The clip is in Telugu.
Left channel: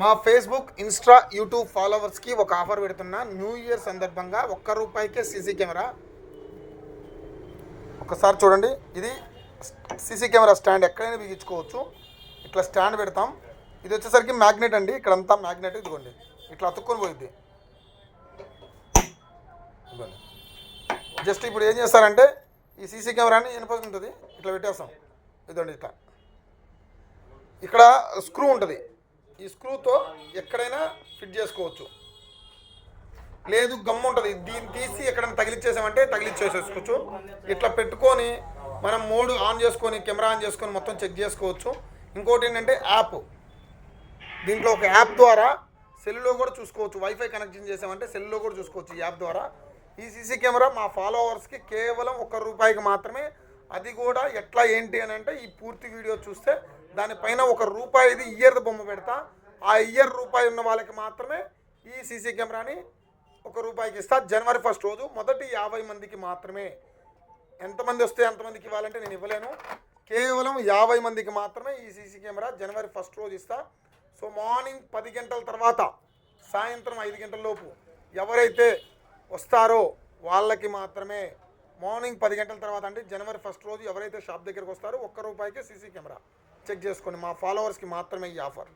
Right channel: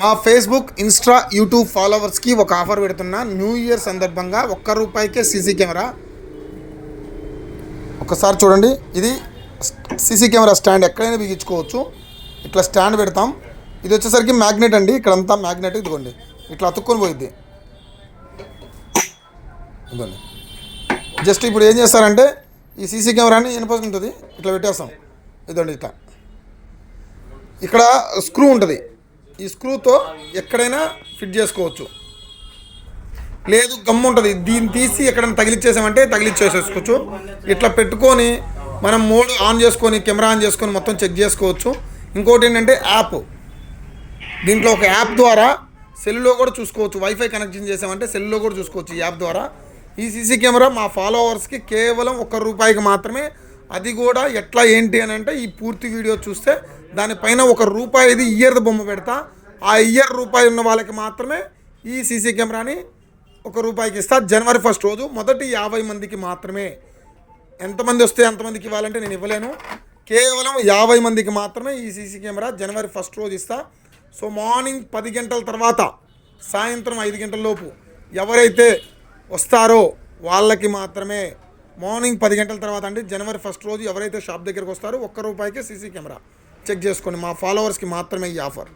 మా ఫేస్బుక్, ఇన్స్టా, యూట్యూబ్ ఫాలోవర్స్కి ఒక ఆఫర్ పెడుతున్నా. న్యూ ఇయర్ సందర్భంగా ₹1 సీసీ కెమెరా. ఒకసారి చూడండి, ఇది సీసీ కెమెరా స్టాండ్ ఎక్కడైనా బిగించుకోవచ్చు. ఇట్లా స్టాండ్ పెడతాం. ఇది వచ్చేసరికి మ్యాగ్నెట్ అండి, ఇక్కడంతా మ్యాగ్నెట్. ఇదిగోండి, ఇట్లా అతుక్కొని పోయిద్ది. ఇదిగోండి, జస్ట్ ఇప్పుడు ఏం చేస్తారంటే ఈ సీసీ కెమెరాని ఇనుప ఉంటుంది, ఇట్లా పెట్టేస్తాం. ఇదండి, ఇట్లా ఇక్కడ స్క్రూ ఉంటుంది. ఈ స్క్రూతో ఎక్కడైనా ఫిట్ చేసుకోవచ్చు. లేదు, గమ్ము ఉంటుంది, దీన్ని తీసి ఎక్కడైనా తగిలిచ్చేసామంటే తగిలిచ్చేసేసుకోవచ్చు. ఇట్లా పెట్టుకొని మనం మోడ్ ఆన్ చేసుకొని, కెమెరా ఆన్ చేసుకొని మొత్తం చెక్ చేసుకోవచ్చు. ఇంకోటి ఏంటంటే యాప్, దీంట్లో ఒక యాప్ ద్వారా సెల్లో కూడా చూసుకోవచ్చు. వైఫై కనెక్షన్ చేసామంటే సెల్లో కూడా చూసుకోవచ్చు ఈ యాప్ ద్వారా. ఈ సీసీ కెమెరా మా ఫాలోవర్స్కి కేవలం ₹1 మాత్రమే. అది కూడా ఎట్లా ఏంటి అని అంటే, ఈ పూర్తి వీడియో చూస్తే దానిపైన ₹1 ఇయర్ బొమ్మ పెడతా. ఆ ఇయర్ రూపాయి ఉన్న వాళ్ళకి మాత్రమే ఈ సీసీ కెమెరాని ₹1 ఇస్తా. జనవరి 1 రోజు మొదటి 50 మందికి మాత్రమే. ఎంతమంది వస్తే అంతమందికి ఇవ్వాలంటే నేను ఇవ్వలేను. కేవలం 50 మందికి మాత్రమే ఈ సీసీ కెమెరా జనవరి 1 రోజు ఇస్తా. సో మార్నింగ్ 10 గంటల తర్వాత సాయంత్రం 5 గంటల లోపు ఎవరైతే వస్తారో వాళ్ళకి మాత్రమే. మార్నింగ్ 10 గంటల తర్వాత అంటే జనవరి 1 రోజు ఎవరైతే షాప్ దగ్గరికి వస్తారో ₹1 సీసీ కెమెరా చెక్ చేసుకోండి. మా ఫాలోవర్స్కి మాత్రమే ఈ ఆఫర్.